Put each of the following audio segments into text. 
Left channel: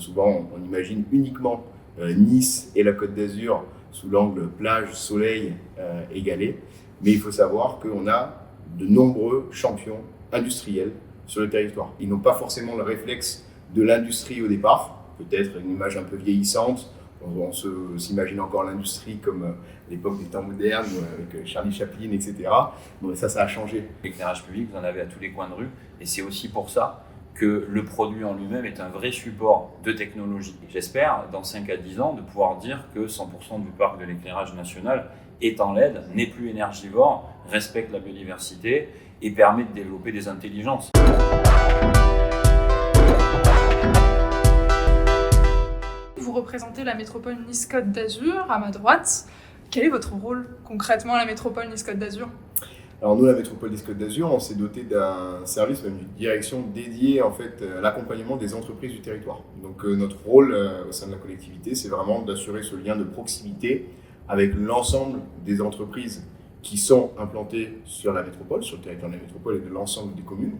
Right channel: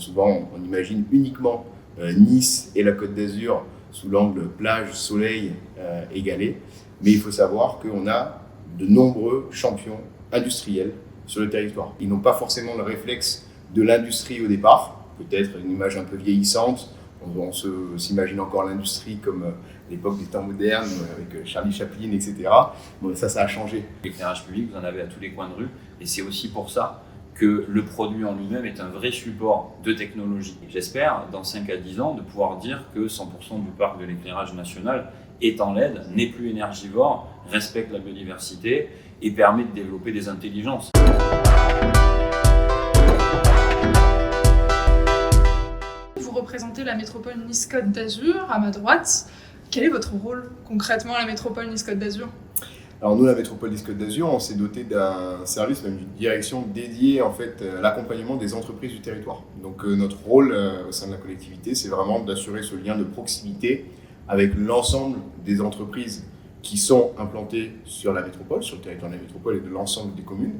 Souvent, on imagine uniquement Nice et la Côte d'Azur sous l'angle plage, soleil égalé. Mais il faut savoir qu'on a de nombreux champions industriels sur le territoire. Ils n'ont pas forcément le réflexe de l'industrie au départ, peut-être une image un peu vieillissante. On s'imagine encore l'industrie comme l'époque des temps modernes, avec Charlie Chaplin, etc. Bon, ça a changé. L'éclairage public, vous en avez à tous les coins de rue, et c'est aussi pour ça que le produit en lui-même est un vrai support de technologie. J'espère, dans 5 à 10 ans, de pouvoir dire que 100% du parc de l'éclairage national est en LED, n'est plus énergivore, respecte la biodiversité et permet de développer des intelligences. Vous représentez la métropole Nice-Côte d'Azur, à ma droite. Quel est votre rôle concrètement à la métropole Nice-Côte d'Azur ? Alors nous, la métropole Nice-Côte d'Azur, on s'est doté d'un service, même d'une direction dédiée en fait, à l'accompagnement des entreprises du territoire. Donc notre rôle au sein de la collectivité, c'est vraiment d'assurer ce lien de proximité avec l'ensemble des entreprises qui sont implantées sur la métropole, sur le territoire de la métropole et de l'ensemble des communes,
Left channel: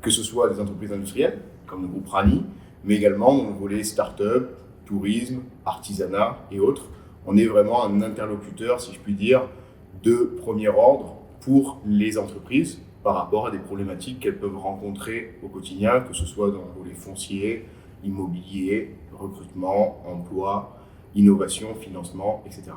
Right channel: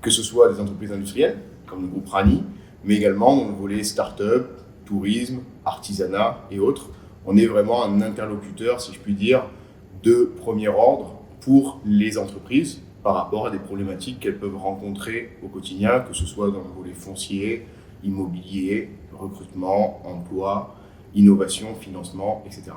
que ce soit des entreprises industrielles, comme le groupe Rani, mais également dans le volet start-up, tourisme, artisanat et autres. On est vraiment un interlocuteur, si je puis dire, de premier ordre pour les entreprises par rapport à des problématiques qu'elles peuvent rencontrer au quotidien, que ce soit dans le volet foncier, immobilier, recrutement, emploi, innovation, financement, etc.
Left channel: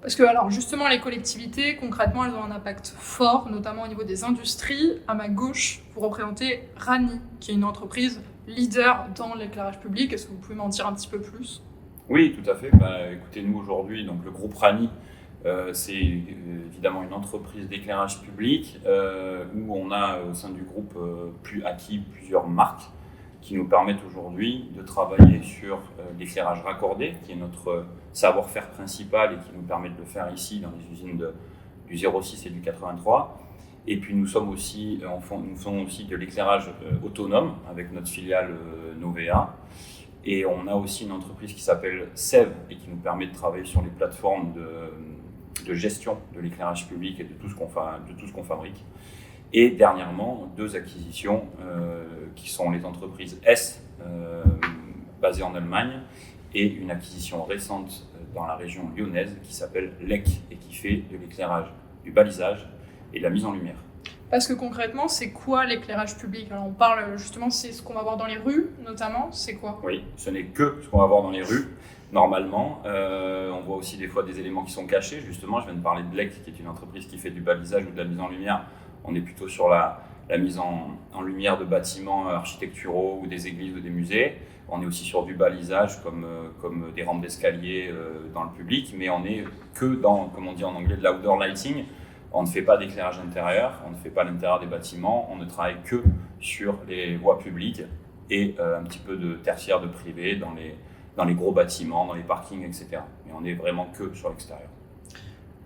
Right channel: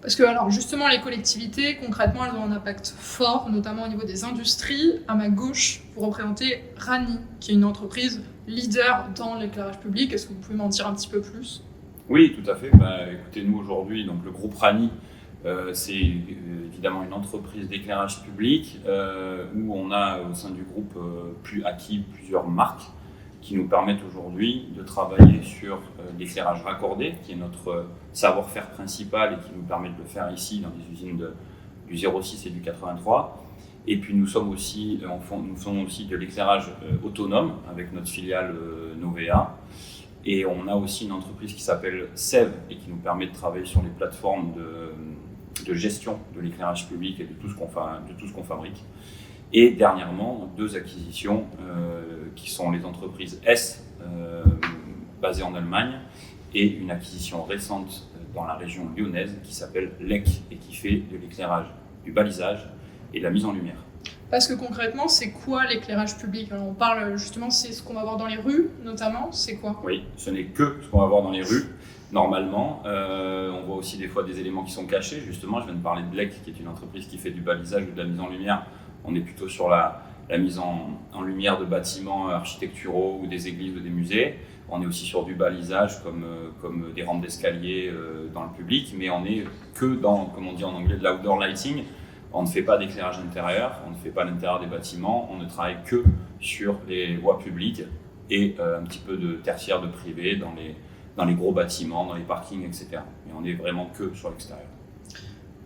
Parce que alors justement les collectivités, concrètement, elles ont un impact fort, notamment au niveau des industries. À ma gauche, vous représentez Rani, qui est une entreprise leader dans l'éclairage public. Est-ce que vous pouvez m'en dire un petit peu plus ? Oui, tout à fait. Écoutez, nous aujourd'hui, donc le groupe Rani, c'est évidemment une entreprise d'éclairage public où on a au sein du groupe acquis plusieurs marques qui nous permettent aujourd'hui de travailler sur l'éclairage raccordé, qui est notre savoir-faire principal et qui nous permet de le faire ici dans les usines du 06 et du 83. Et puis nous faisons aussi de l'éclairage autonome avec notre filiale Novea. Et on a aussi une entreprise qui s'appelle SEV et qui nous permet de travailler sur les plateformes de gestion de l'éclairage public et de tout ce qu'on fabrique. Et dernièrement, 2 acquisitions qui sont les entreprises S, basées en Allemagne, et une acquisition récente dans la région lyonnaise qui s'appelle LEC et qui fait de l'éclairage, du balisage et de la mise en lumière. Parce que concrètement, c'est quoi l'éclairage public ? Alors on parle justement, c'est ce qu'on va voir dans les rues notamment, c'est quoi ? Oui, ce n'est que ce qu'on va voir dans les rues. Normalement, on voit aussi des fois des éléments qui sont cachés. Justement, je viens de parler de LEC, qui est une entreprise qui fait du balisage ou de la mise en lumière. On est plutôt sur la mise en lumière de bâtiments architecturaux ou des églises ou des musées. On est aussi sur du balisage comme des rampes d'escalier dans le public, mais on est que dans, comme on dit en anglais, de l'outdoor lighting. On ne fait pas d'éclairage intérieur, on ne fait pas l'intérieur des bâtiments, on ne travaille que sur les voies publiques et un petit peu de tertiaire, de privé dans les gros bâtiments, dans les parkings, etc. Mais on est vraiment que sur l'extérieur.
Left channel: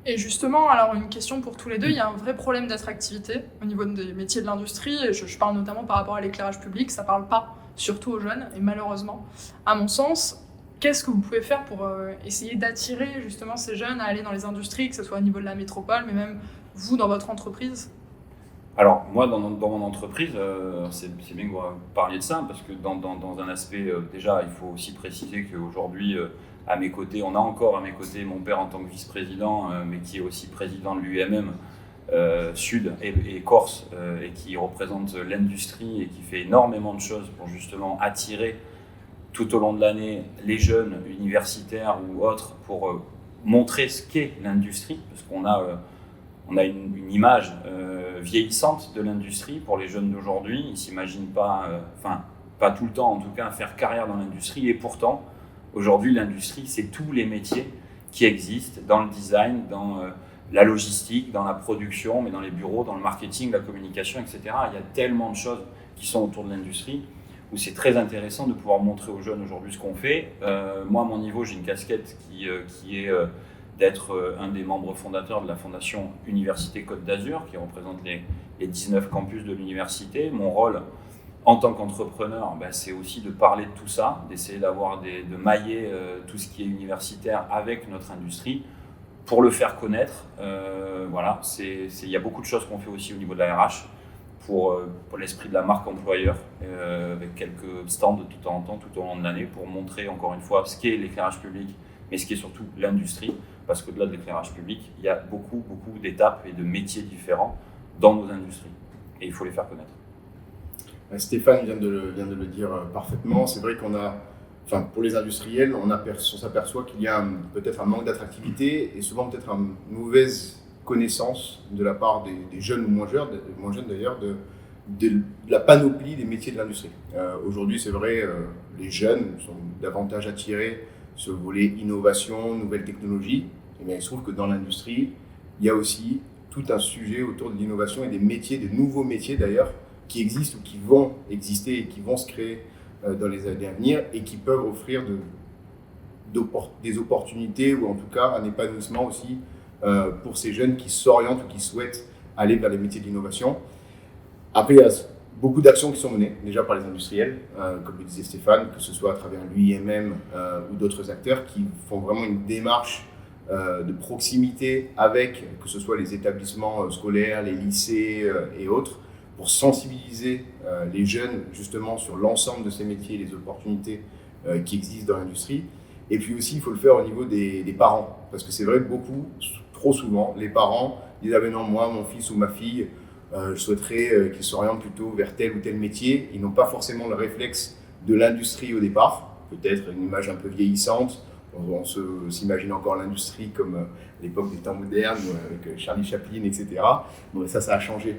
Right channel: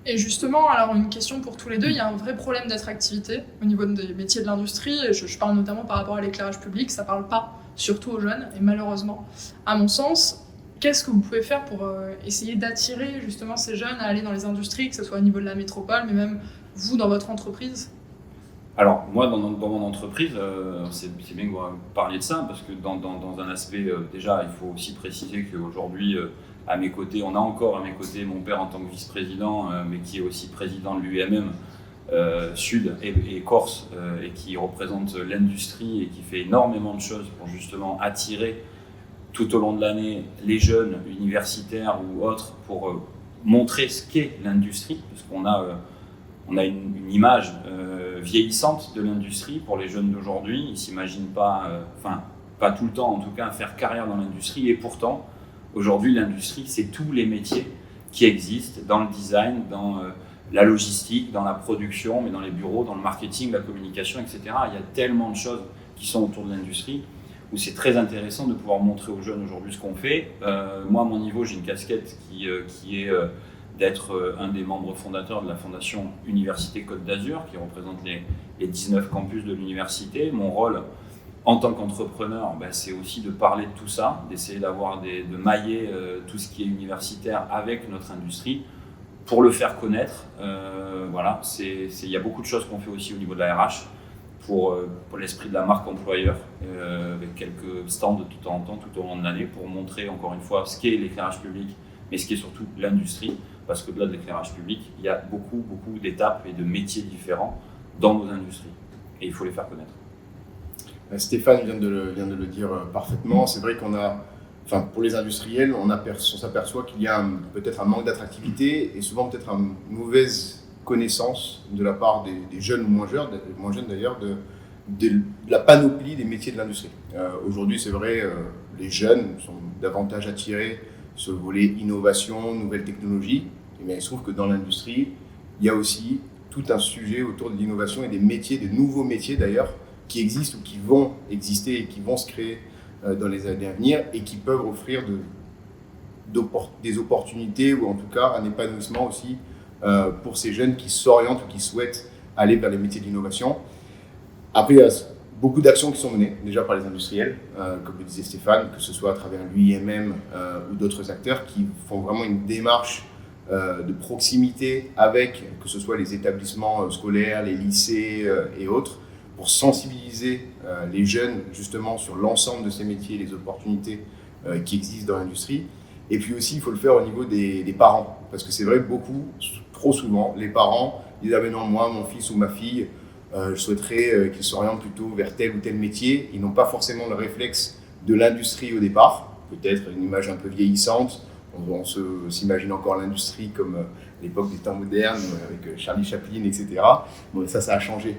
Et justement, alors une question pour tous les deux, il y a un vrai problème d'attractivité au niveau des métiers de l'industrie, et je parle notamment par rapport à l'éclairage public, ça ne parle pas surtout aux jeunes, et malheureusement, à mon sens, qu'est-ce que vous pouvez faire pour essayer d'attirer justement ces jeunes à aller dans les industries, que ce soit au niveau de la métropole, mais même vous dans votre entreprise ? Alors moi dans mon entreprise, c'est bien que vous parliez de ça, parce que dans un aspect, déjà il faut aussi préciser qu'aujourd'hui à mes côtés, on a encore à mes côtés mon père en tant que vice-président, mais qui est aussi président de l'UMM Sud et Corse, et qui représente l'industrie et qui fait énormément de choses pour justement attirer tout au long de l'année les jeunes universitaires ou autres pour montrer ce qu'est l'industrie, parce qu'on a une image vieillissante de l'industrie pour les jeunes d'aujourd'hui. Ils ne s'imaginent pas, pas tout le temps en tout cas, faire carrière dans l'industrie, et pourtant aujourd'hui l'industrie c'est tous les métiers qui existent dans le design, dans la logistique, dans la production, mais dans les bureaux, dans le marketing, la communication, etc. Il y a tellement de choses qui sont autour de l'industrie où c'est très intéressant de pouvoir montrer aux jeunes aujourd'hui ce qu'on fait. Moi, à mon niveau, j'ai une casquette qui est d'être un des membres fondateurs de la fondation Université Côte d'Azur, qui représente les 19 campus de l'université. Mon rôle en tant qu'entrepreneur, c'est aussi de parler de tout ça, d'essayer de mailler tout ce qui est universitaire avec notre industrie pour le faire connaître. Il y a beaucoup de choses qu'on fait aussi au niveau de la RH pour l'esprit de la marque employeur, avec quelques stands de tout en temps, tout au long de l'année, pour montrer encore une fois ce qu'est l'éclairage public, mais ce qui est surtout l'industrie, parce qu'au-delà de l'éclairage public, il y a beaucoup d'étapes et de métiers différents dans nos industries, et il faut les faire connaître. Stéphane vient de le dire parfaitement. C'est vrai pour les industriels, on s'aperçoit qu'il y a peut-être un manque d'attractivité et souvent peut-être une mauvaise connaissance de la part des jeunes ou moins jeunes d'ailleurs, de la panoplie des métiers de l'industrie. Aujourd'hui, c'est vrai, les jeunes sont davantage attirés sur le volet innovation, nouvelles technologies. Et bien, il se trouve que dans l'industrie, il y a aussi tout un sujet autour de l'innovation et des métiers, des nouveaux métiers d'ailleurs, qui existent ou qui vont exister et qui vont se créer dans les années à venir et qui peuvent offrir des opportunités ou en tout cas un épanouissement aussi pour ces jeunes qui s'orientent ou qui souhaitent aller vers les métiers d'innovation. Après, il y a beaucoup d'actions qui sont menées déjà par les industriels, comme le disait Stéphane, que ce soit à travers l'UIMM ou d'autres acteurs qui font vraiment une démarche de proximité avec, que ce soit les établissements scolaires, les lycées et autres, pour sensibiliser les jeunes justement sur l'ensemble de ces métiers, les opportunités qui existent dans l'industrie. Et puis aussi, il faut le faire au niveau des parents, parce que c'est vrai, trop souvent, les parents disent « Ah mais non, moi, mon fils ou ma fille, je souhaiterais qu'il s'oriente plutôt vers tel ou tel métier ». Ils n'ont pas forcément le réflexe de l'industrie au départ, peut-être une image un peu vieillissante. On s'imagine encore l'industrie comme l'époque des temps modernes, avec Charlie Chaplin, etc. Bon, ça a changé.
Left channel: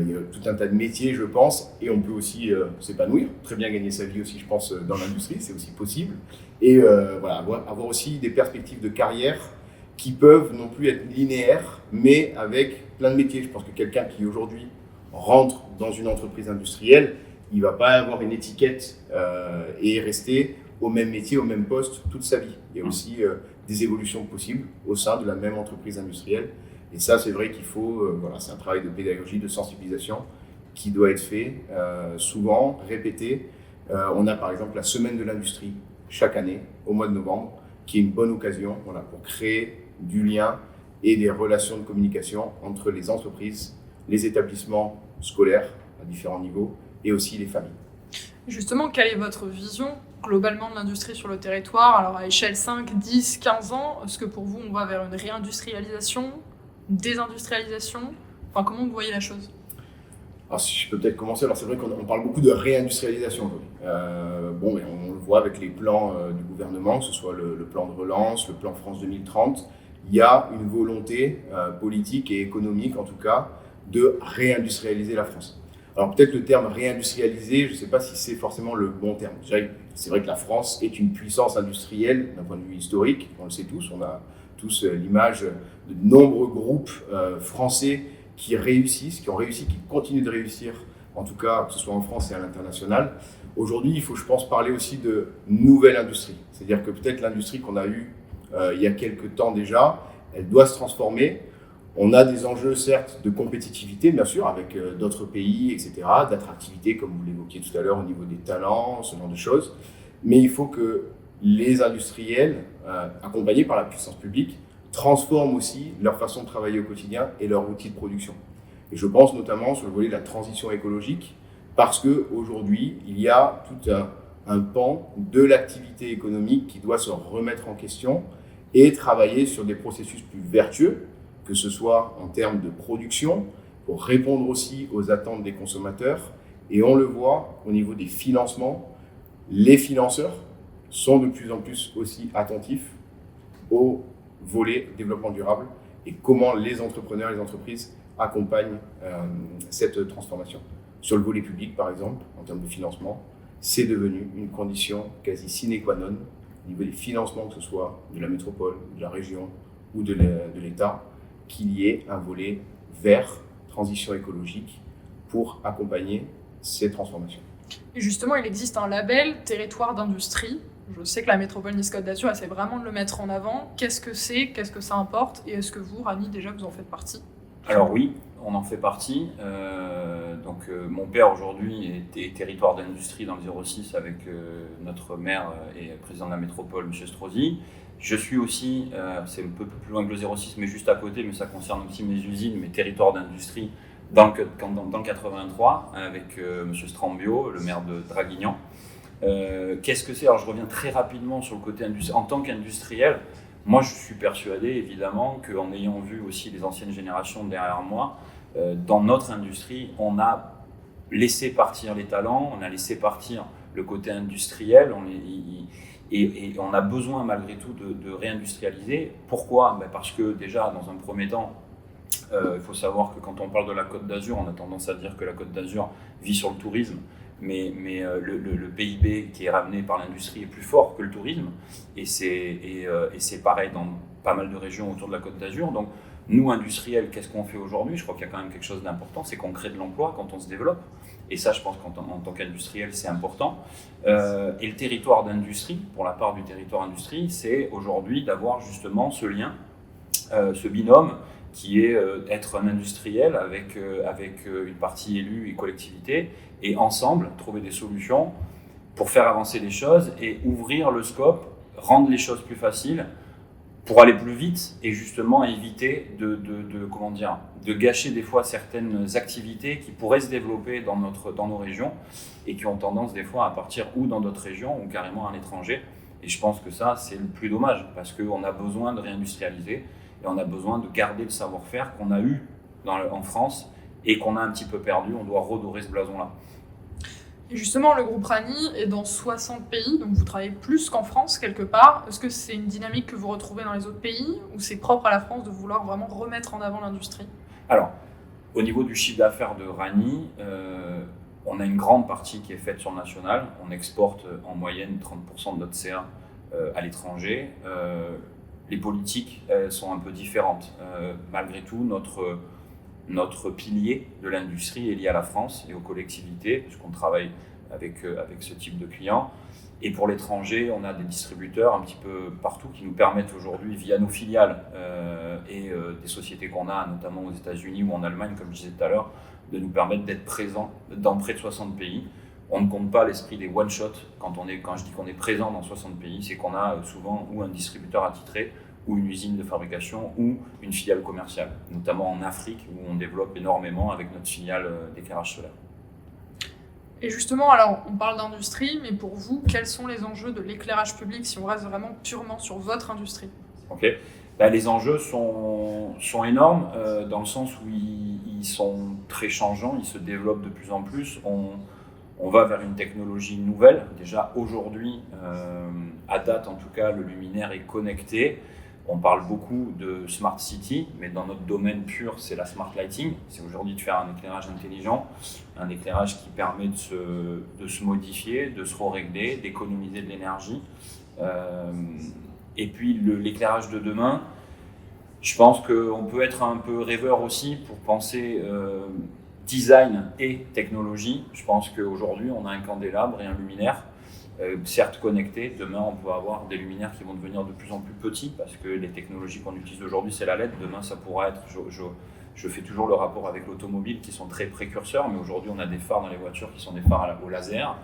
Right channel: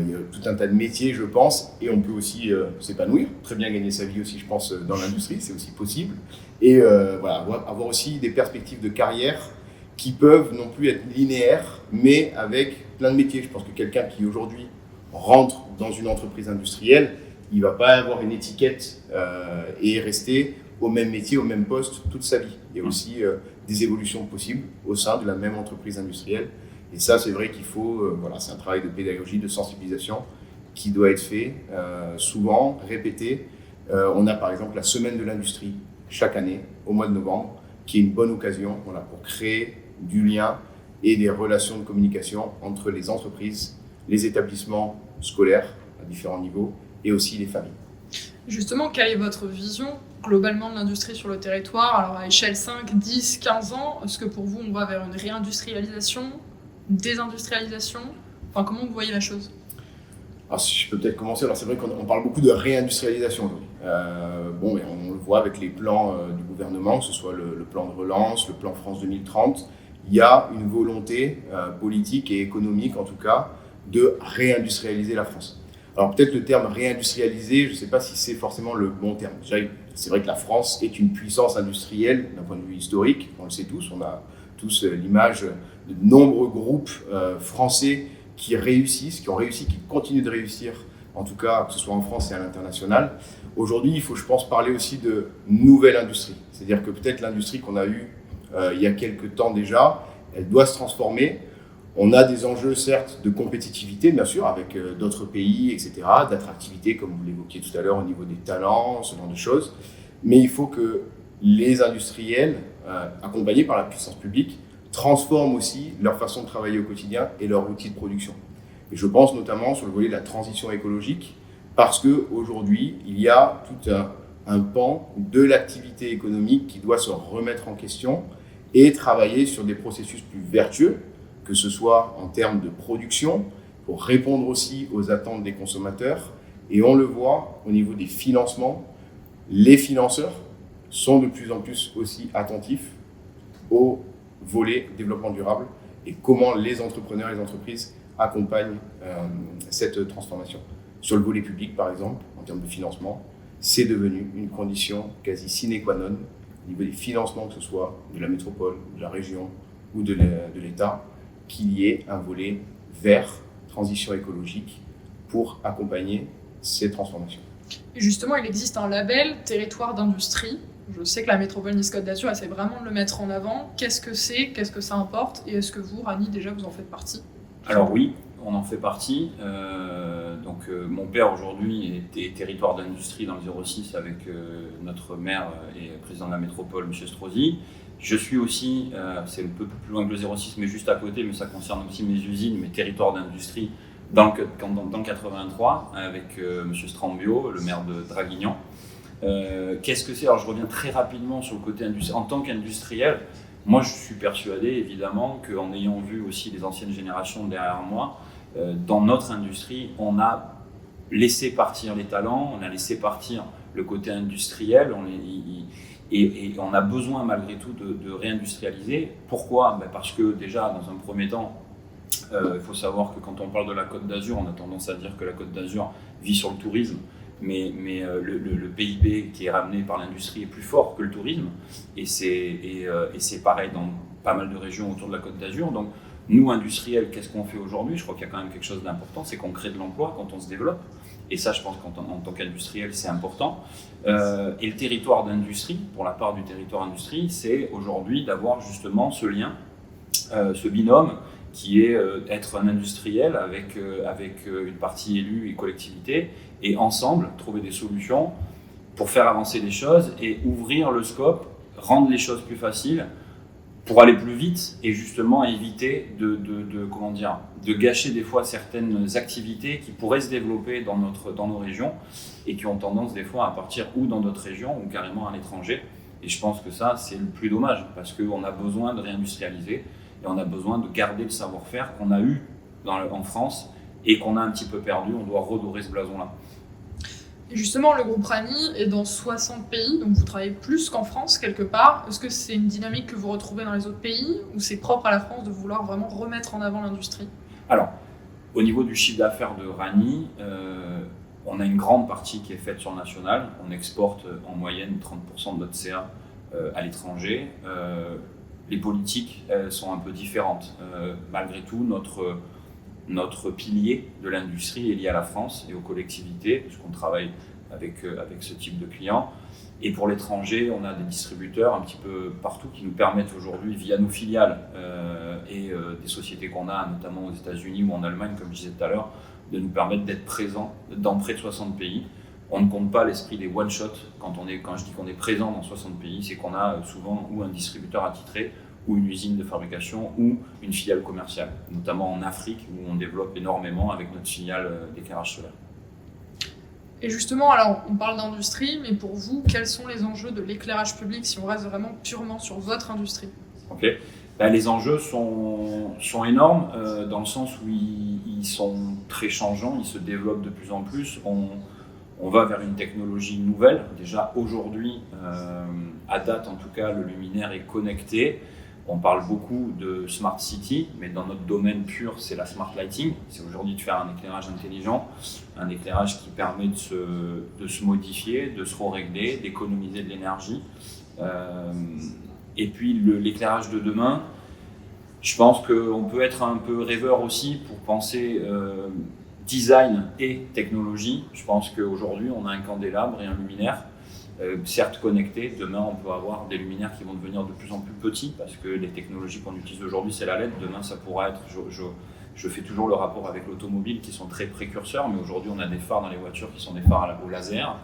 Il y a tout un tas de métiers, je pense, et on peut aussi s'épanouir, très bien gagner sa vie aussi, je pense, dans l'industrie, c'est aussi possible. Et avoir aussi des perspectives de carrière qui peuvent non plus être linéaires, mais avec plein de métiers. Je pense que quelqu'un qui aujourd'hui rentre dans une entreprise industrielle, il ne va pas avoir une étiquette et rester au même métier, au même poste toute sa vie. Il y a aussi des évolutions possibles au sein de la même entreprise industrielle. Et ça, c'est vrai qu'il faut, c'est un travail de pédagogie, de sensibilisation qui doit être fait souvent, répété. On a par exemple la semaine de l'industrie chaque année, au mois de novembre, qui est une bonne occasion pour créer du lien et des relations de communication entre les entreprises, les établissements scolaires à différents niveaux et aussi les familles. Justement, quelle est votre vision globalement de l'industrie sur le territoire? Alors à échelle 5, 10, 15 ans, est-ce que pour vous on va vers une réindustrialisation, une désindustrialisation? Enfin, comment vous voyez la chose? Alors, si je peux peut-être commencer, alors c'est vrai qu'on parle beaucoup de réindustrialisation aujourd'hui. Mais on le voit avec les plans du gouvernement, que ce soit le plan de relance, le plan France 2030, il y a une volonté politique et économique en tout cas de réindustrialiser la France. Alors peut-être le terme réindustrialiser, je ne sais pas si c'est forcément le bon terme. C'est vrai que la France est une puissance industrielle d'un point de vue historique, on le sait tous, on a tous l'image de nombreux groupes français qui ont réussi, qui continuent de réussir, en tout cas que ce soit en France et à l'international. Aujourd'hui, il faut, je pense, parler aussi de nouvelle industrie. C'est-à-dire que peut-être l'industrie qu'on a eue il y a quelques temps déjà, elle doit se transformer. On a des enjeux, certes, de compétitivité, bien sûr, avec d'autres pays, etc., d'attractivité, comme vous l'évoquiez tout à l'heure, au niveau des talents, ce genre de choses. Mais il faut que les industriels, accompagnés par la puissance publique, transforment aussi leur façon de travailler au quotidien et leurs outils de production. Et je pense notamment sur le volet de la transition écologique, parce qu'aujourd'hui, il y a tout un pan de l'activité économique qui doit se remettre en question et travailler sur des processus plus vertueux, que ce soit en termes de production, pour répondre aussi aux attentes des consommateurs. Et on le voit au niveau des financements, les financeurs sont de plus en plus aussi attentifs au volet développement durable et comment les entrepreneurs et les entreprises accompagnent cette transformation. Sur le volet public, par exemple, en termes de financement, c'est devenu une condition quasi sine qua non au niveau des financements, que ce soit de la métropole, de la région ou de l'État, qu'il y ait un volet vers transition écologique pour accompagner ces transformations. Et justement, il existe un label territoire d'industrie. Je sais que la métropole Nice-Côte d'Azur essaie vraiment de le mettre en avant. Qu'est-ce que c'est? Qu'est-ce que ça importe? Et est-ce que vous, Rani, déjà, vous en faites partie? Alors oui, on en fait partie. Mon père aujourd'hui était territoire d'industrie dans le 06 avec notre maire et président de la métropole, M. Strozzi. Je suis aussi, c'est un peu plus loin que le 06, mais juste à côté, mais ça concerne aussi mes usines, mes territoires d'industrie dans le 83 avec Monsieur Strambio, le maire de Draguignan. Qu'est-ce que c'est? Alors je reviens très rapidement sur le côté industriel. En tant qu'industriel, moi je suis persuadé évidemment qu'en ayant vu aussi les anciennes générations derrière moi, dans notre industrie, on a laissé partir les talents, on a laissé partir le côté industriel, et on a besoin malgré tout de réindustrialiser. Pourquoi? Parce que déjà, dans un premier temps, il faut savoir que quand on parle de la Côte d'Azur, on a tendance à dire que la Côte d'Azur vit sur le tourisme, mais le PIB qui est ramené par l'industrie est plus fort que le tourisme, et c'est pareil dans pas mal de régions autour de la Côte d'Azur. Donc nous, industriels, qu'est-ce qu'on fait aujourd'hui? Je crois qu'il y a quand même quelque chose d'important, c'est qu'on crée de l'emploi quand on se développe, et ça je pense qu'en tant qu'industriel c'est important. Et le territoire d'industrie, pour la part du territoire industrie, c'est aujourd'hui d'avoir justement ce lien, ce binôme, qui est être un industriel avec une partie élue et collectivité, et ensemble trouver des solutions pour faire avancer les choses et ouvrir le scope, rendre les choses plus faciles pour aller plus vite et justement éviter de gâcher des fois certaines activités qui pourraient se développer dans nos régions et qui ont tendance des fois à partir ou dans d'autres régions ou carrément à l'étranger. Et je pense que ça, c'est le plus dommage parce qu'on a besoin de réindustrialiser. Et on a besoin de garder le savoir-faire qu'on a eu en France et qu'on a un petit peu perdu. On doit redorer ce blason-là. Et justement, le groupe Rani est dans 60 pays, donc vous travaillez plus qu'en France quelque part. Est-ce que c'est une dynamique que vous retrouvez dans les autres pays ou c'est propre à la France de vouloir vraiment remettre en avant l'industrie? Alors, au niveau du chiffre d'affaires de Rani, on a une grande partie qui est faite sur le national. On exporte en moyenne 30% de notre CA à l'étranger. Les politiques sont un peu différentes. Malgré tout, notre pilier de l'industrie est lié à la France et aux collectivités, puisqu'on travaille avec ce type de clients. Et pour l'étranger, on a des distributeurs un petit peu partout qui nous permettent aujourd'hui, via nos filiales et des sociétés qu'on a, notamment aux États-Unis ou en Allemagne, comme je disais tout à l'heure, de nous permettre d'être présents dans près de 60 pays. On ne compte pas l'esprit des one-shots. Quand je dis qu'on est présent dans 60 pays, c'est qu'on a souvent ou un distributeur attitré, ou une usine de fabrication, ou une filiale commerciale, notamment en Afrique, où on développe énormément avec notre filiale d'éclairage solaire. Et justement, alors on parle d'industrie, mais pour vous, quels sont les enjeux de l'éclairage public si on reste vraiment purement sur votre industrie? Ok. Les enjeux sont énormes dans le sens où ils sont très changeants, ils se développent de plus en plus. On va vers une technologie nouvelle. Déjà aujourd'hui, à date en tout cas, le luminaire est connecté. On parle beaucoup de Smart City, mais dans notre domaine pur, c'est la Smart Lighting. C'est aujourd'hui de faire un éclairage intelligent, un éclairage qui permet de se modifier, de se régler, d'économiser de l'énergie. Et puis l'éclairage de demain, je pense qu'on peut être un peu rêveur aussi pour penser design et technologie. Je pense qu'aujourd'hui, on a un candélabre et un luminaire. Certes connectés, demain on peut avoir des luminaires qui vont devenir de plus en plus petits parce que les technologies qu'on utilise aujourd'hui c'est la LED, demain ça pourra être, je fais toujours le rapport avec l'automobile qui sont très précurseurs, mais aujourd'hui on a des phares dans les voitures qui sont des phares au laser,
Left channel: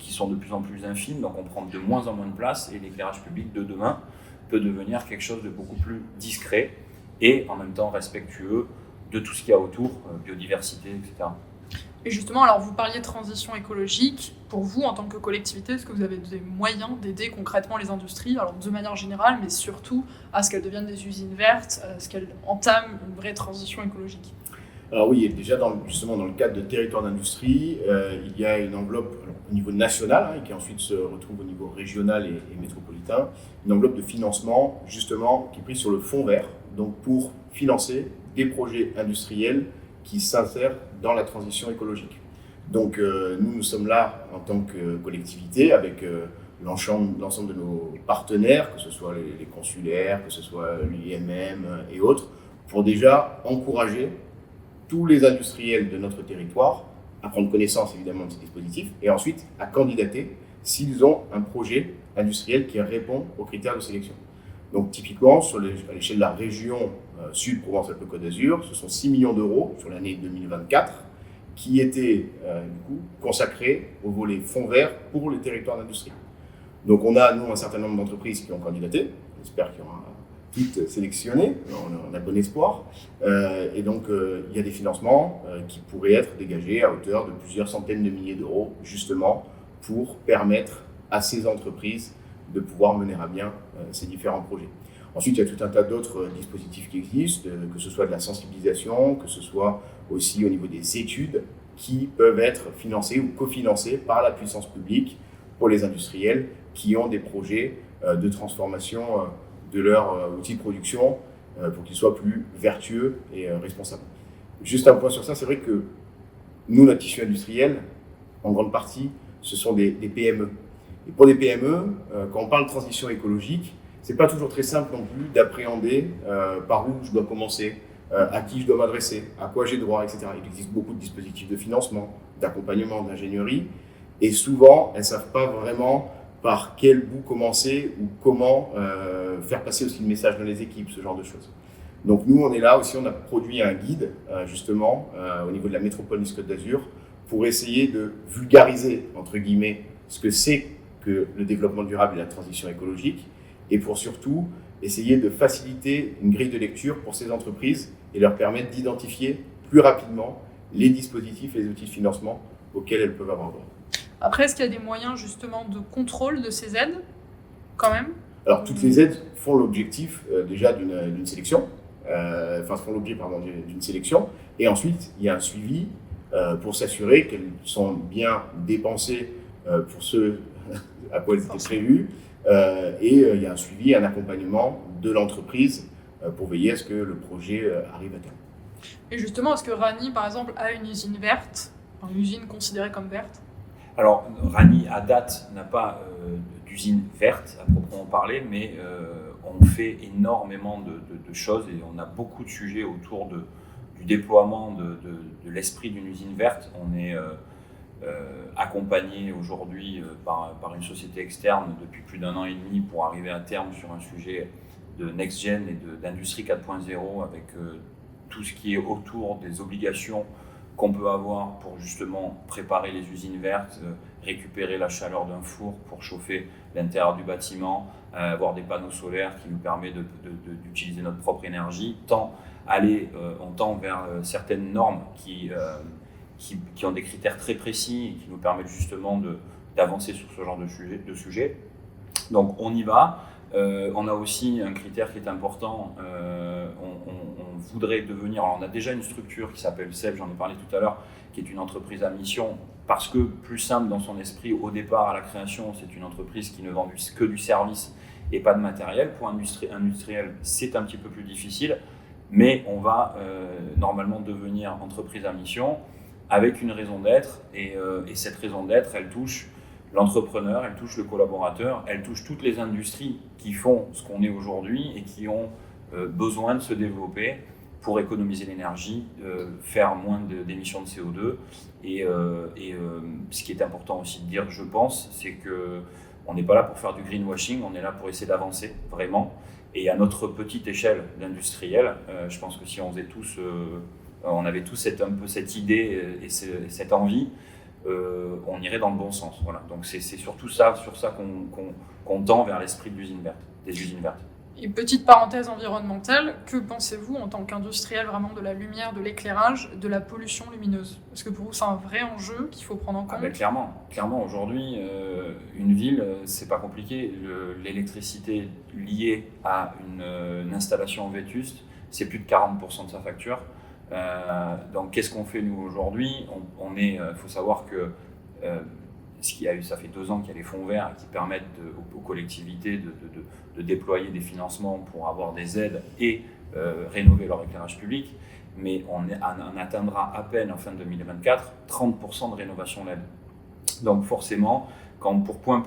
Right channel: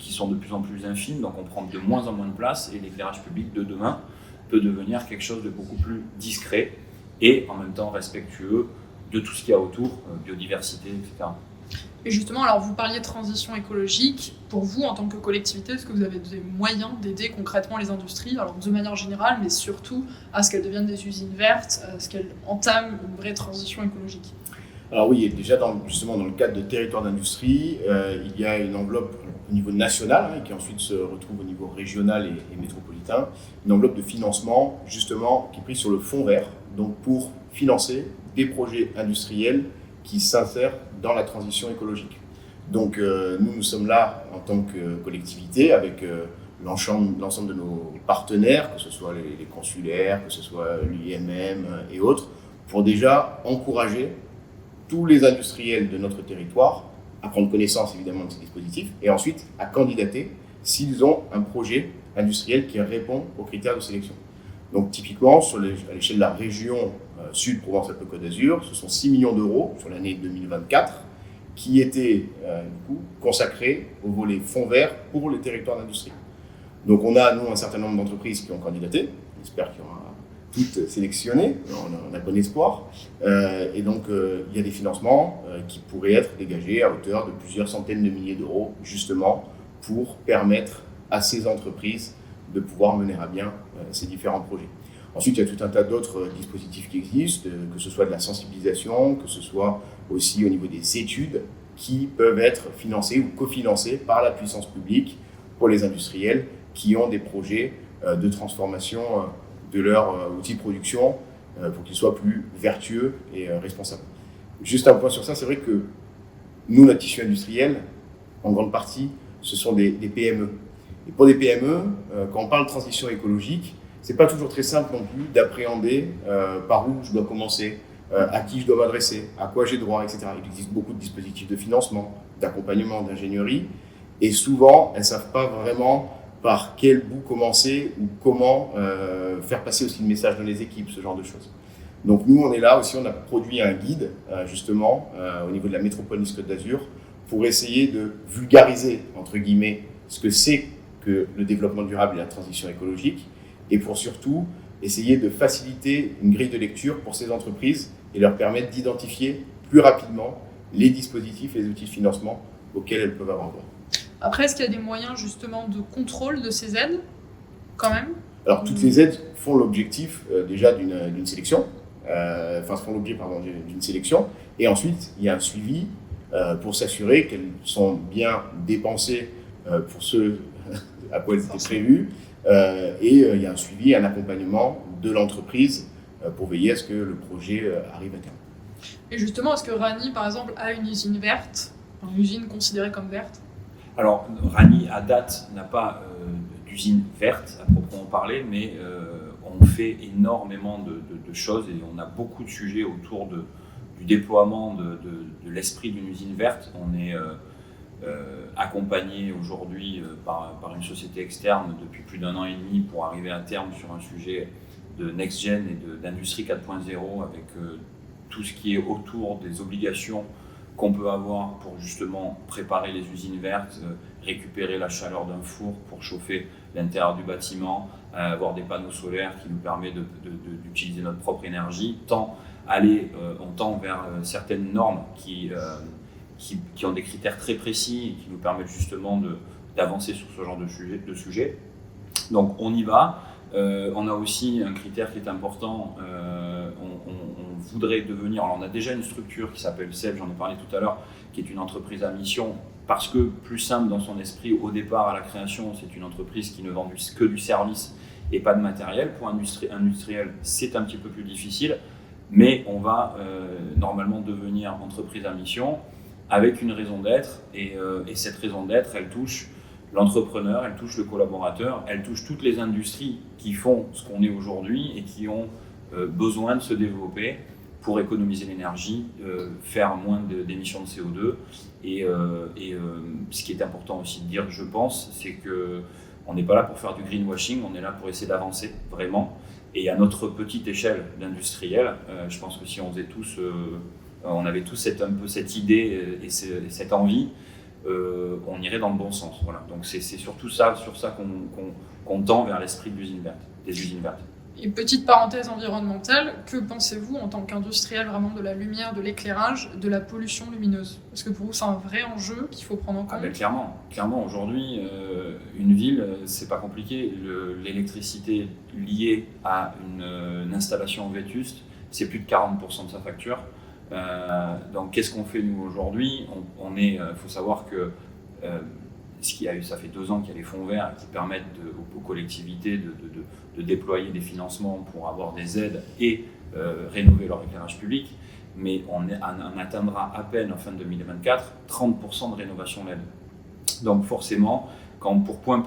qui sont de plus en plus infimes, donc on prend de moins en moins de place et l'éclairage public de demain peut devenir quelque chose de beaucoup plus discret et en même temps respectueux de tout ce qu'il y a autour, biodiversité, etc. Et justement, alors vous parliez de transition écologique. Pour vous, en tant que collectivité, est-ce que vous avez des moyens d'aider concrètement les industries, alors de manière générale, mais surtout à ce qu'elles deviennent des usines vertes, à ce qu'elles entament une vraie transition écologique? Alors oui, déjà justement dans le cadre de territoire d'industrie, il y a une enveloppe au niveau national et qui ensuite se retrouve au niveau régional et métropolitain, une enveloppe de financement justement qui est prise sur le fonds vert, donc pour financer des projets industriels qui s'insèrent dans la transition écologique. Donc nous sommes là en tant que collectivité avec l'ensemble de nos partenaires, que ce soit les consulaires, que ce soit l'IMM et autres, pour déjà encourager tous les industriels de notre territoire à prendre connaissance évidemment de ces dispositifs et ensuite à candidater s'ils ont un projet industriel qui répond aux critères de sélection. Donc typiquement, à l'échelle de la région Sud Provence-Alpes-Côte d'Azur, ce sont 6 millions d'euros sur l'année 2024 qui étaient du coup consacrés au volet fonds verts pour les territoires d'industrie. Donc on a, nous, un certain nombre d'entreprises qui ont candidaté. J'espère qu'il y aura toutes sélectionnées, on a bon espoir. Et donc, il y a des financements qui pourraient être dégagés à hauteur de plusieurs centaines de milliers d'euros, justement, pour permettre à ces entreprises de pouvoir mener à bien ces différents projets. Ensuite, il y a tout un tas d'autres dispositifs qui existent, que ce soit de la sensibilisation, que ce soit aussi au niveau des études, qui peuvent être financées ou cofinancées par la puissance publique pour les industriels qui ont des projets de transformation de leur outil de production pour qu'ils soient plus vertueux et responsables. Juste un point sur ça, c'est vrai que nous, notre tissu industriel, en grande partie, ce sont des PME. Et pour des PME, quand on parle de transition écologique, c'est pas toujours très simple non plus d'appréhender par où je dois commencer, à qui je dois m'adresser, à quoi j'ai droit, etc. Il existe beaucoup de dispositifs de financement, d'accompagnement, d'ingénierie, et souvent, elles ne savent pas vraiment par quel bout commencer ou comment faire passer aussi le message dans les équipes, ce genre de choses. Donc nous, on est là aussi, on a produit un guide, justement, au niveau de la métropole Nice Côte d'Azur, pour essayer de vulgariser, entre guillemets, ce que c'est que le développement durable et la transition écologique, et pour surtout essayer de faciliter une grille de lecture pour ces entreprises et leur permettre d'identifier plus rapidement les dispositifs et les outils de financement auxquels elles peuvent avoir droit. Après, est-ce qu'il y a des moyens justement de contrôle de ces aides, quand même ? Alors, toutes les aides font l'objectif déjà d'une sélection, font l'objet d'une sélection, et ensuite il y a un suivi pour s'assurer qu'elles sont bien dépensées pour ce à quoi elles étaient prévues, et il y a un suivi, un accompagnement de l'entreprise pour veiller à ce que le projet arrive à terme. Et justement, est-ce que Rani, par exemple, a une usine verte, une usine considérée comme verte ? Alors, Rani, à date, n'a pas d'usine verte à proprement parler, mais on fait énormément de choses et on a beaucoup de sujets autour du déploiement de l'esprit d'une usine verte. On est accompagné aujourd'hui par une société externe depuis plus d'1 an et demi pour arriver à terme sur un sujet de next-gen et d'industrie 4.0 avec tout ce qui est autour des obligations qu'on peut avoir pour justement préparer les usines vertes, récupérer la chaleur d'un four pour chauffer l'intérieur du bâtiment, avoir des panneaux solaires qui nous permettent d'utiliser notre propre énergie, on tend vers certaines normes qui ont des critères très précis et qui nous permettent justement d'avancer sur ce genre de sujet. Donc on y va. On a aussi un critère qui est important, on voudrait devenir, alors on a déjà une structure qui s'appelle SEB, j'en ai parlé tout à l'heure, qui est une entreprise à mission, parce que plus simple dans son esprit, au départ à la création, c'est une entreprise qui ne vend que du service et pas de matériel. Pour industriel, c'est un petit peu plus difficile, mais on va normalement devenir entreprise à mission avec une raison d'être, et cette raison d'être, elle touche l'entrepreneur, elle touche le collaborateur, elle touche toutes les industries qui font ce qu'on est aujourd'hui et qui ont besoin de se développer pour économiser l'énergie, faire moins d'émissions de CO2. Et ce qui est important aussi de dire, je pense, c'est qu'on n'est pas là pour faire du greenwashing, on est là pour essayer d'avancer vraiment. Et à notre petite échelle d'industriel, je pense que si on faisait tous, on avait tous un peu cette idée et cette envie, on irait dans le bon sens. Voilà. Donc c'est surtout sur ça qu'on tend vers l'esprit des usines vertes. Et petite parenthèse environnementale, que pensez-vous en tant qu'industriel vraiment de la lumière, de l'éclairage, de la pollution lumineuse ? Est-ce que pour vous c'est un vrai enjeu qu'il faut prendre en compte ? Clairement aujourd'hui, une ville, c'est pas compliqué. L'électricité liée à une installation vétuste, c'est plus de 40% de sa facture. Donc qu'est-ce qu'on fait nous aujourd'hui ? Faut savoir que ça fait 2 ans qu'il y a les fonds verts qui permettent aux collectivités de déployer des financements pour avoir des aides et rénover leur éclairage public, mais on atteindra à peine en fin de 2024 30% de rénovation LED. Donc forcément, quand pour point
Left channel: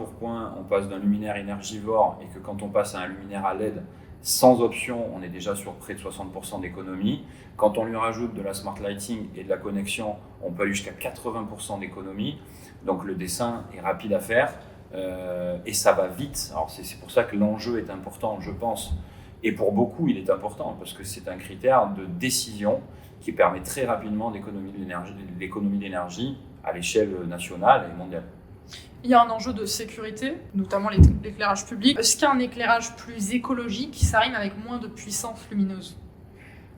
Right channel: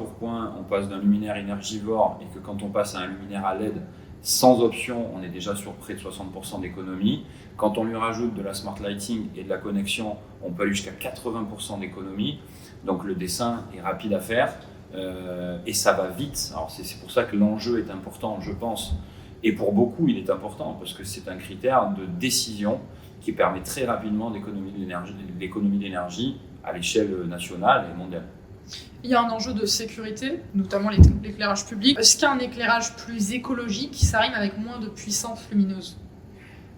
on passe d'un luminaire énergivore et que quand on passe à un luminaire à LED sans option, on est déjà sur près de 60% d'économie. Quand on lui rajoute de la smart lighting et de la connexion, on peut aller jusqu'à 80% d'économie. Donc le dessin est rapide à faire et ça va vite. Alors c'est pour ça que l'enjeu est important, je pense. Et pour beaucoup, il est important parce que c'est un critère de décision qui permet très rapidement l'économie d'énergie à l'échelle nationale et mondiale. Il y a un enjeu de sécurité, notamment l'éclairage public. Est-ce qu'un éclairage plus écologique, ça rime avec moins de puissance lumineuse ?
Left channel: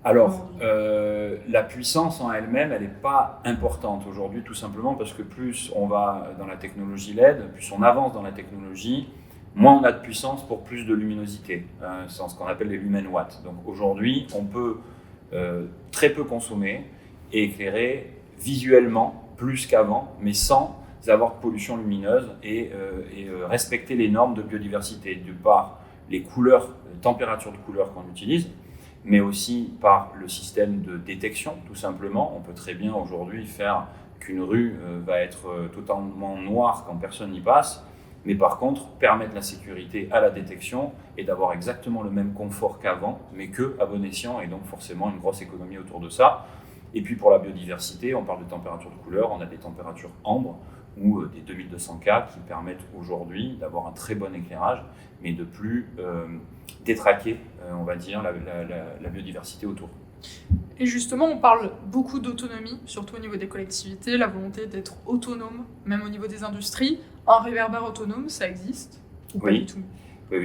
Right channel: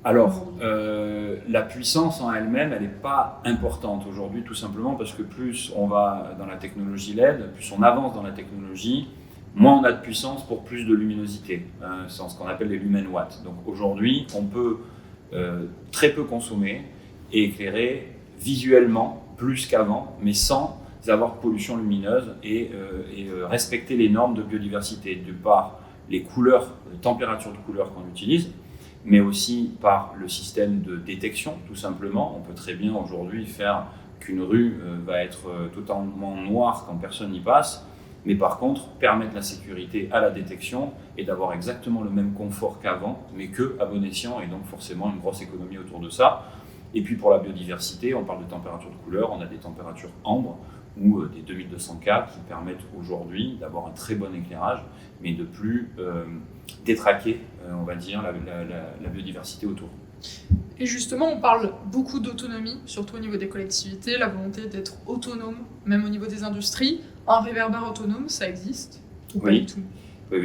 Alors, la puissance en elle-même, elle n'est pas importante aujourd'hui, tout simplement parce que plus on va dans la technologie LED, plus on avance dans la technologie, moins on a de puissance pour plus de luminosité. C'est ce qu'on appelle les lumen watts. Donc aujourd'hui, on peut très peu consommer et éclairer visuellement plus qu'avant, mais sans avoir de pollution lumineuse et respecter les normes de biodiversité, de par les couleurs, les températures de couleurs qu'on utilise, mais aussi par le système de détection, tout simplement. On peut très bien aujourd'hui faire qu'une rue va être totalement noire quand personne n'y passe, mais par contre permettre la sécurité à la détection et d'avoir exactement le même confort qu'avant, mais qu'à bon escient, et donc forcément une grosse économie autour de ça. Et puis pour la biodiversité, on parle de température de couleur, on a des températures ambre ou des 2200K qui permettent aujourd'hui d'avoir un très bon éclairage, mais de plus détraquer, on va dire, la biodiversité autour. Et justement, on parle beaucoup d'autonomie, surtout au niveau des collectivités, la volonté d'être autonome, même au niveau des industries. Un réverbère autonome, ça existe ? Oui,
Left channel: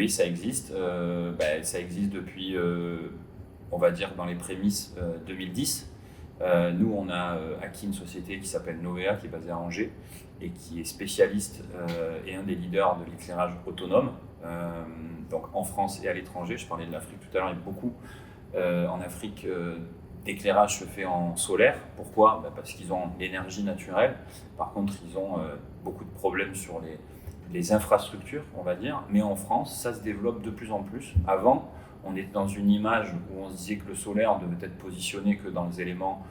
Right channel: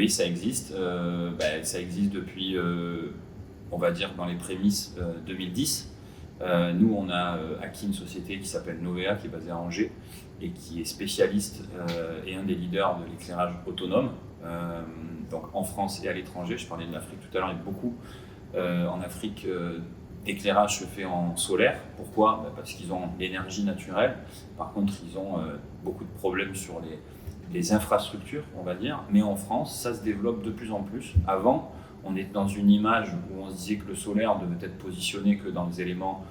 ça existe. Ça existe depuis, on va dire, dans les prémices 2010. Nous, on a acquis une société qui s'appelle Novea, qui est basée à Angers et qui est spécialiste et un des leaders de l'éclairage autonome, donc en France et à l'étranger. Je parlais de l'Afrique tout à l'heure, il y a beaucoup en Afrique d'éclairage se fait en solaire. Pourquoi ? Parce qu'ils ont l'énergie naturelle. Par contre, ils ont beaucoup de problèmes sur les infrastructures, on va dire. Mais en France, ça se développe de plus en plus. Avant, on était dans une image où on se disait que le solaire devait être positionné que dans les éléments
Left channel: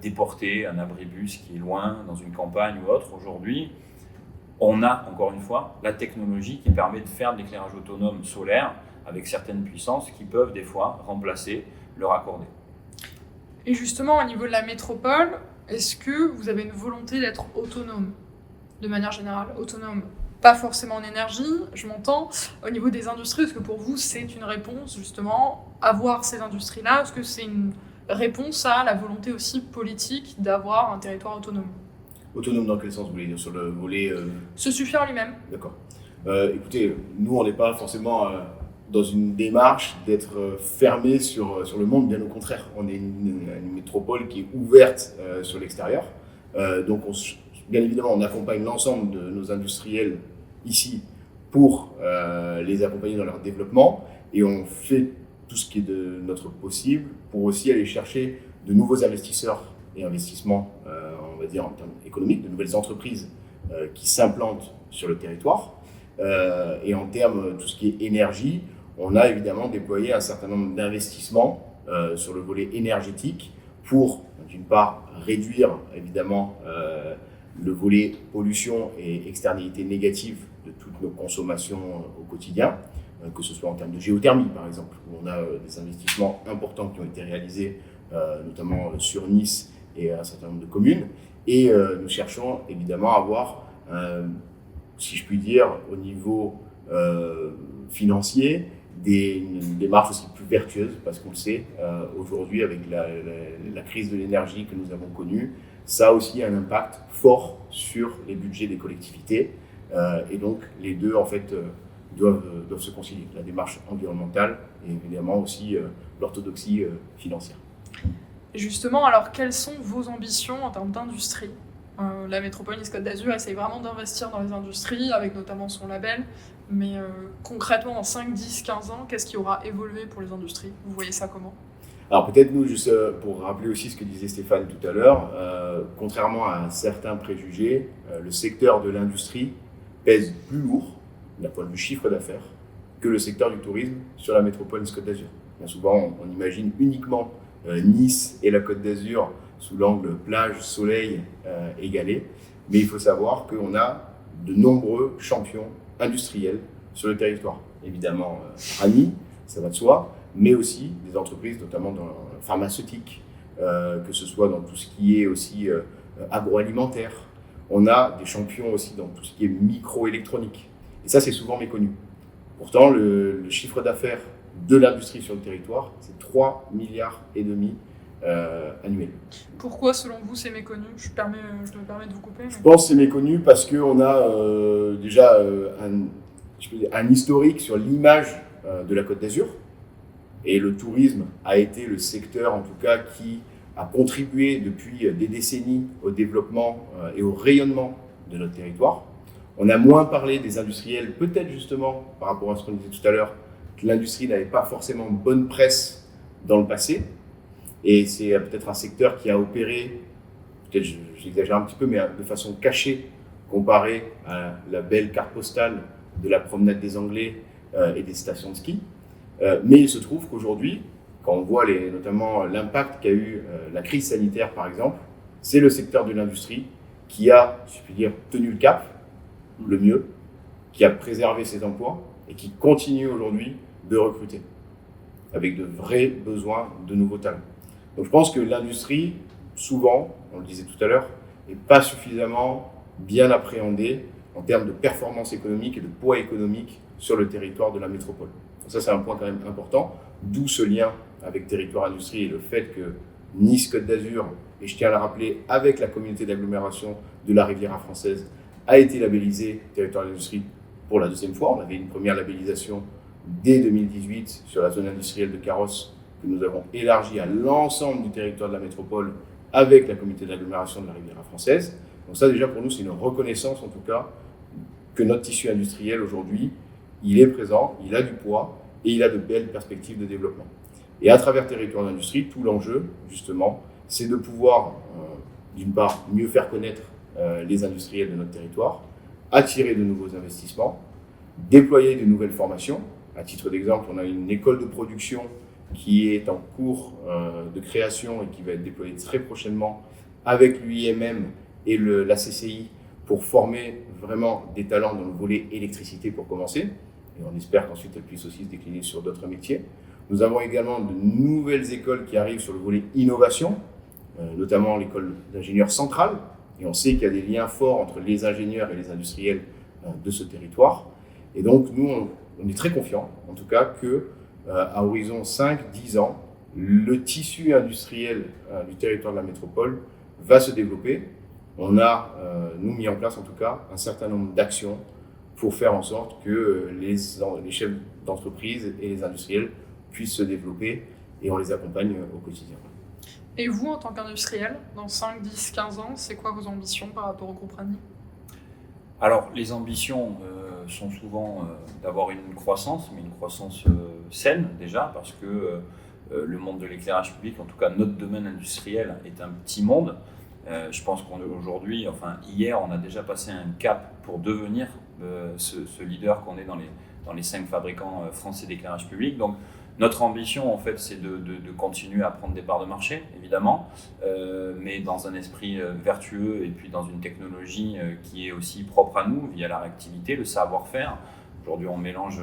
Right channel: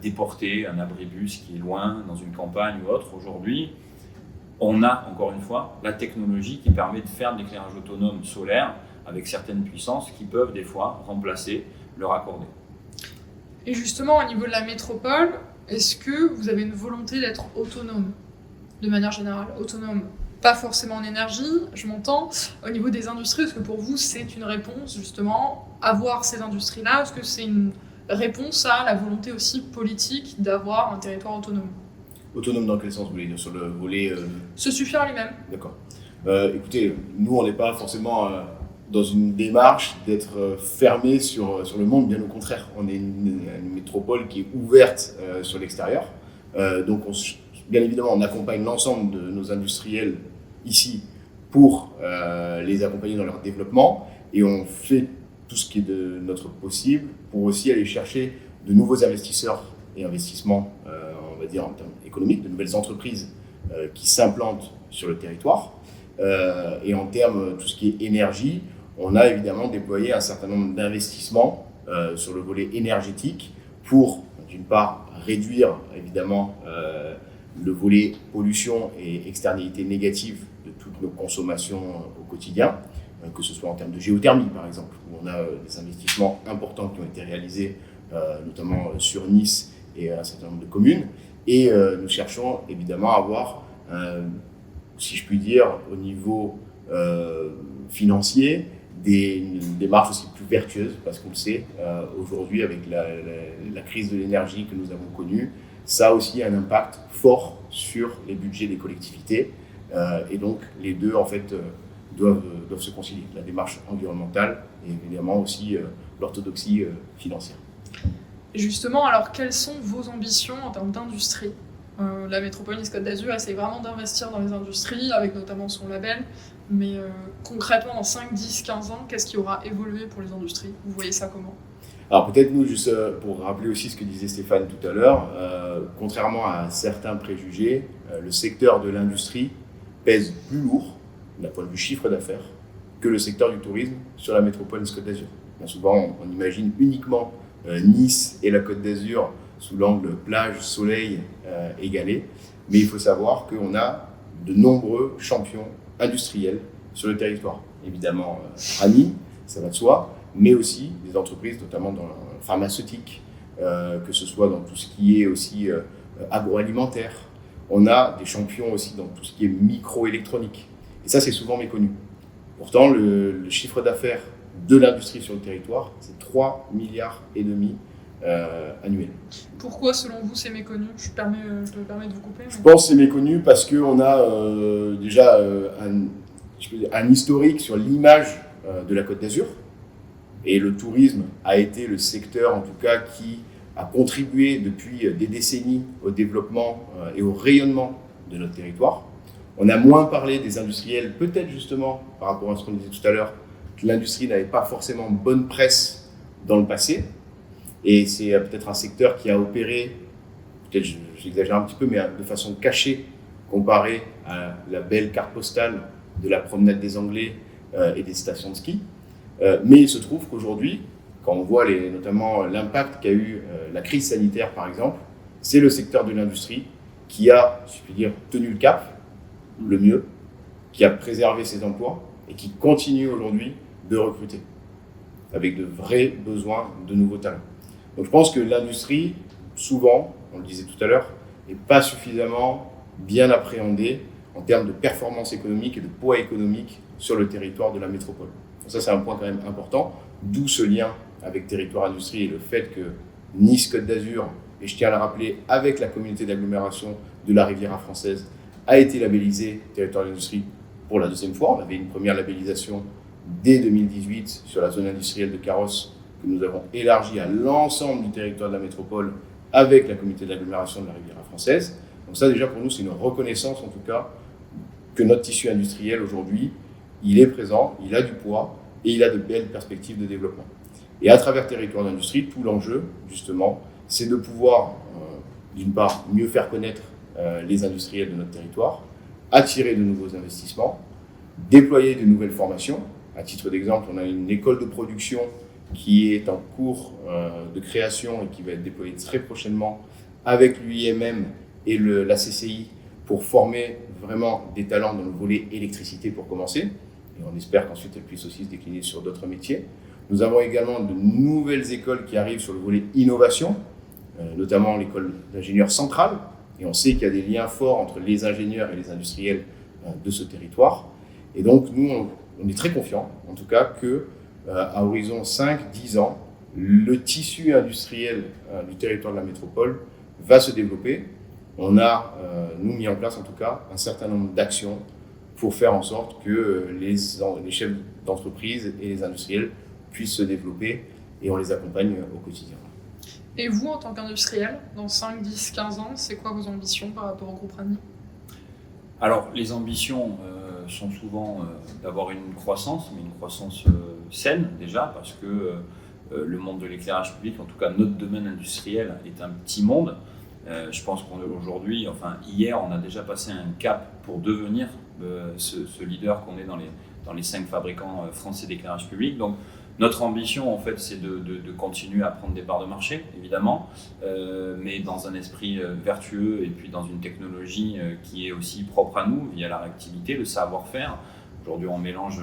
déportés, un abribus qui est loin, dans une campagne ou autre. Aujourd'hui, on a, encore une fois, la technologie qui permet de faire de l'éclairage autonome solaire avec certaines puissances qui peuvent des fois remplacer le raccordé. Et justement, au niveau de la métropole, est-ce que vous avez une volonté d'être autonome, de manière générale, autonome ? Pas forcément en énergie, je m'entends. Au niveau des industries, est-ce que pour vous, c'est une réponse, justement, avoir ces industries-là ? Est-ce que c'est une réponse à la volonté aussi politique d'avoir un territoire autonome ? Autonome dans quel sens vous voulez dire ? Sur le volet Se suffire en lui-même. D'accord. Écoutez, nous, on n'est pas forcément dans une démarche d'être fermé sur le monde, bien au contraire. On est une métropole qui est ouverte sur l'extérieur. Donc, bien évidemment, on accompagne l'ensemble de nos industriels ici pour les accompagner dans leur développement, et on fait tout ce qui est de notre possible pour aussi aller chercher de nouveaux investisseurs et investissements, on va dire en termes économiques, de nouvelles entreprises qui s'implantent sur le territoire. Et en termes de tout ce qui est énergie, on a évidemment déployé un certain nombre d'investissements sur le volet énergétique pour, d'une part, réduire évidemment le volet pollution et externalités négatives de toutes nos consommations au quotidien, que ce soit en termes de géothermie par exemple, où on a des investissements importants qui ont été réalisés notamment sur Nice et un certain nombre de communes. Et nous cherchons évidemment à avoir, si je puis dire, au niveau financier, une démarche aussi plus vertueuse, parce qu'on le sait, aujourd'hui avec la crise de l'énergie que nous avons connue, ça a aussi un impact fort sur les budgets des collectivités, et donc les deux en fait doivent se concilier, la démarche environnementale et évidemment aussi l'orthodoxie financière. Et justement, alors quelles sont vos ambitions en termes d'industrie ? La métropole Nice-Côte d'Azur essaie vraiment d'investir dans les industries, avec notamment son label, mais concrètement dans 5, 10, 15 ans, qu'est-ce qui aura évolué pour les industries ? Vous voyez ça comment ? Alors peut-être nous, juste pour rappeler aussi ce que disait Stéphane tout à l'heure, contrairement à certains préjugés, le secteur de l'industrie pèse plus lourd, d'un point de vue chiffre d'affaires, que le secteur du tourisme sur la métropole Nice-Côte d'Azur. Bien souvent, on imagine uniquement Nice et la Côte d'Azur sous l'angle plage, soleil égalé, mais il faut savoir qu'on a de nombreux champions industriels sur le territoire. Évidemment, Rami, ça va de soi, mais aussi des entreprises, notamment dans la pharmaceutique, que ce soit dans tout ce qui est aussi agroalimentaire. On a des champions aussi dans tout ce qui est microélectronique. Et ça, c'est souvent méconnu. Pourtant, le chiffre d'affaires de l'industrie sur le territoire, c'est 3,5 milliards annuels. Pourquoi, selon vous, c'est méconnu? Je me permets de vous couper. Je pense que c'est méconnu parce qu'on a déjà un historique sur l'image de la Côte d'Azur. Et le tourisme a été le secteur, en tout cas, qui a contribué depuis des décennies au développement et au rayonnement de notre territoire. On a moins parlé des industriels, peut-être justement, par rapport à ce qu'on disait tout à l'heure, que l'industrie n'avait pas forcément bonne presse dans le passé. Et c'est peut-être un secteur qui a opéré, peut-être j'exagère un petit peu, mais de façon cachée, comparé à la belle carte postale de la promenade des Anglais et des stations de ski. Mais il se trouve qu'aujourd'hui, quand on voit notamment l'impact qu'a eu la crise sanitaire, par exemple, c'est le secteur de l'industrie qui a, si je puis dire, tenu le cap, le mieux, qui a préservé ses emplois et qui continue aujourd'hui de recruter, avec de vrais besoins de nouveaux talents. Donc je pense que l'industrie, souvent, on le disait tout à l'heure, n'est pas suffisamment bien appréhendée en termes de performance économique et de poids économique sur le territoire de la métropole. Donc ça, c'est un point quand même important, d'où ce lien avec territoire industrie et le fait que Nice-Côte d'Azur, et je tiens à le rappeler, avec la communauté d'agglomération de la Riviera française, a été labellisé territoire d'industrie pour la deuxième fois. On avait une première labellisation dès 2018 sur la zone industrielle de Carrosse que nous avons élargie à l'ensemble du territoire de la métropole avec la communauté d'agglomération de la Riviera française. Donc ça déjà pour nous c'est une reconnaissance en tout cas que notre tissu industriel aujourd'hui il est présent, il a du poids et il a de belles perspectives de développement. Et à travers territoire d'industrie, tout l'enjeu justement c'est de pouvoir d'une part mieux faire connaître les industriels de notre territoire, attirer de nouveaux investissements, déployer de nouvelles formations. À titre d'exemple, on a une école de production qui est en cours de création et qui va être déployée très prochainement avec l'UIMM et la CCI pour former vraiment des talents dans le volet électricité pour commencer. Et on espère qu'ensuite elle puisse aussi se décliner sur d'autres métiers. Nous avons également de nouvelles écoles qui arrivent sur le volet innovation, notamment l'école d'ingénieurs centrale. Et on sait qu'il y a des liens forts entre les ingénieurs et les industriels de ce territoire. Et donc, nous, on est très confiants, en tout cas, qu'à horizon 5-10 ans, le tissu industriel du territoire de la métropole va se développer. On a, nous, mis en place, en tout cas, un certain nombre d'actions pour faire en sorte que les chefs d'entreprise et les industriels puissent se développer et on les accompagne au quotidien. Et vous, en tant qu'industriel, dans 5, 10, 15 ans, c'est quoi vos ambitions par rapport au groupe Ragny? Alors, les ambitions sont souvent d'avoir une croissance, mais une croissance saine déjà, parce que le monde de l'éclairage public, en tout cas notre domaine industriel, est un petit monde. Je pense qu'aujourd'hui, enfin hier, on a déjà passé un cap pour devenir ce leader qu'on est dans les 5 fabricants français d'éclairage public. Donc, notre ambition, en fait, c'est de continuer à prendre des parts de marché, évidemment, mais dans un esprit vertueux et puis dans une technologie qui est aussi propre à nous, via la réactivité, le savoir-faire. Aujourd'hui, on mélange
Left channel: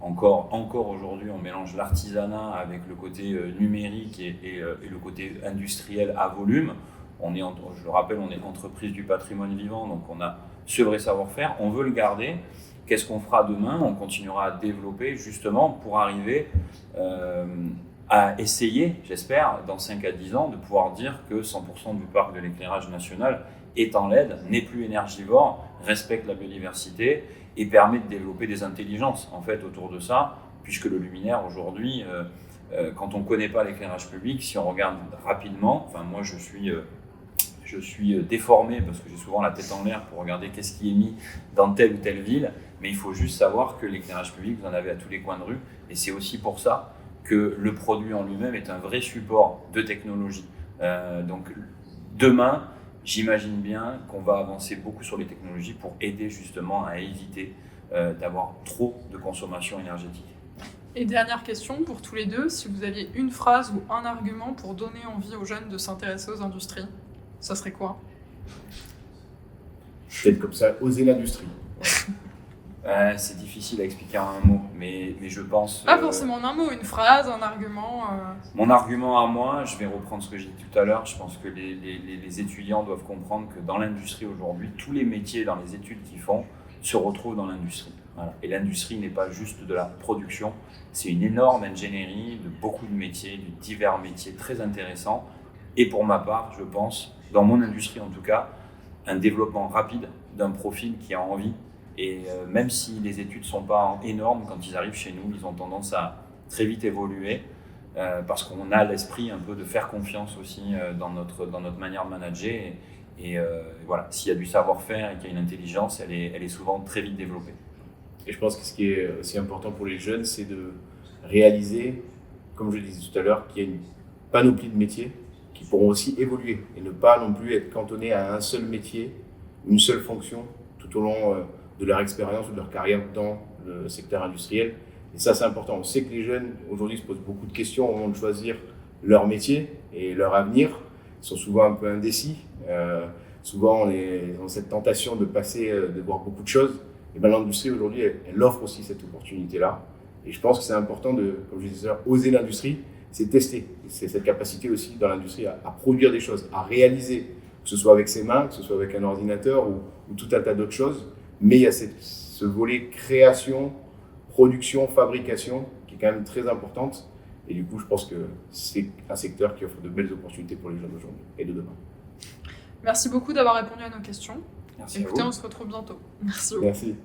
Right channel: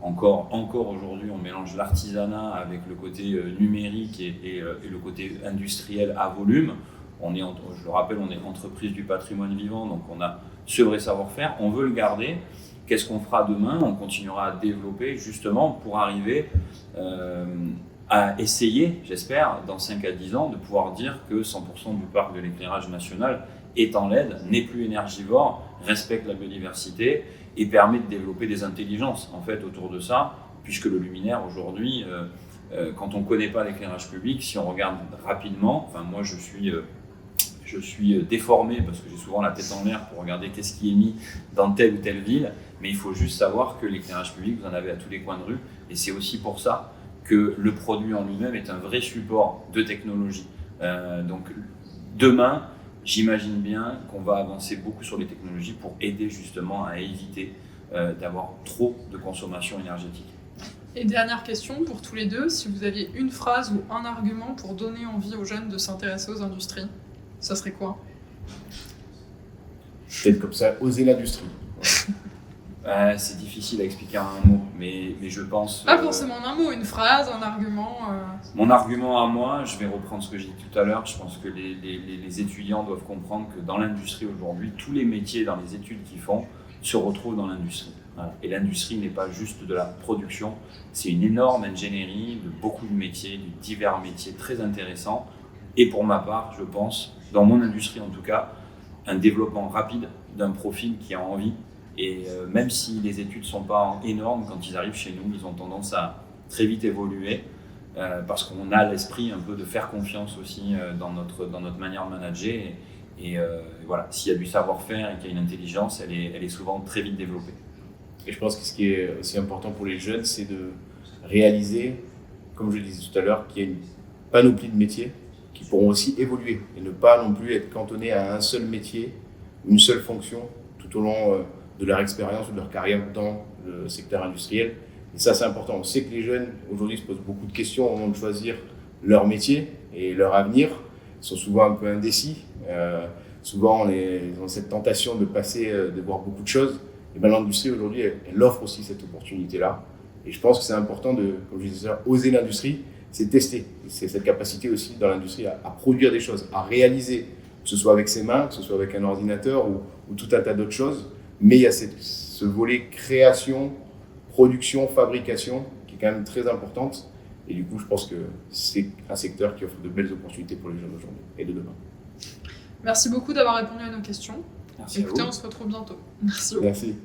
encore aujourd'hui, on mélange l'artisanat avec le côté numérique et le côté industriel à volume. Je le rappelle, on est entreprise du patrimoine vivant, donc on a ce vrai savoir-faire, on veut le garder. Qu'est-ce qu'on fera demain? On continuera à développer justement pour arriver à essayer, j'espère, dans 5 à 10 ans, de pouvoir dire que 100% du parc de l'éclairage national est en LED, n'est plus énergivore, respecte la biodiversité et permet de développer des intelligences en fait autour de ça, puisque le luminaire aujourd'hui, quand on ne connaît pas l'éclairage public, si on regarde rapidement, enfin moi je suis déformé parce que j'ai souvent la tête en l'air pour regarder qu'est-ce qui est mis dans telle ou telle ville, mais il faut juste savoir que l'éclairage public, vous en avez à tous les coins de rue, et c'est aussi pour ça que le produit en lui-même est un vrai support de technologie. Donc demain, j'imagine bien qu'on va avancer beaucoup sur les technologies pour aider justement à éviter d'avoir trop de consommation énergétique. Et dernière question pour tous les deux, si vous aviez une phrase ou un argument pour donner envie aux jeunes de s'intéresser aux industries, ça serait quoi? Peut-être comme ça, oser l'industrie. C'est difficile à expliquer en un mot, mais je pense... Pas forcément en un mot, une phrase, un argument. Mon argument à moi, je vais reprendre ce que j'ai dit tout à l'heure, je pense que les étudiants doivent comprendre que dans l'industrie aujourd'hui, tous les métiers dans les études qu'ils font se retrouvent dans l'industrie. Voilà. Et l'industrie n'est pas juste de la production, c'est une énorme ingénierie de beaucoup de métiers, de divers métiers très intéressants Et pour ma part, je pense, dans mon industrie en tout cas, un développement rapide d'un profil qui a envie. Et même si les études ne sont pas énormes, quand ils arrivent chez nous, ils ont tendance à très vite évoluer parce qu'on a l'esprit un peu de faire confiance aussi dans notre manière de manager. Et voilà, s'il y a du savoir-faire et qu'il y a une intelligence, elle est souvent très vite développée. Et je pense que ce qui est aussi important pour les jeunes, c'est de réaliser, comme je le disais tout à l'heure, qu'il y a une panoplie de métiers qui pourront aussi évoluer et ne pas non plus être cantonnés à un seul métier, une seule fonction tout au long de leur expérience ou de leur carrière dans le secteur industriel. Et ça, c'est important. On sait que les jeunes, aujourd'hui, se posent beaucoup de questions au moment de choisir leur métier et leur avenir. Ils sont souvent un peu indécis. Souvent, ils ont cette tentation de passer, de voir beaucoup de choses. Et bien, l'industrie, aujourd'hui, elle offre aussi cette opportunité-là. Et je pense que c'est important de, comme je disais, oser l'industrie, c'est tester. C'est cette capacité aussi dans l'industrie à produire des choses, à réaliser, que ce soit avec ses mains, que ce soit avec un ordinateur ou tout un tas d'autres choses. Mais il y a ce volet création, production, fabrication qui est quand même très importante. Et du coup, je pense que c'est un secteur qui offre de belles opportunités pour les jeunes d'aujourd'hui et de demain. Merci beaucoup d'avoir répondu à nos questions. Merci Écoutez, à vous. on se retrouve bientôt. Merci. Merci.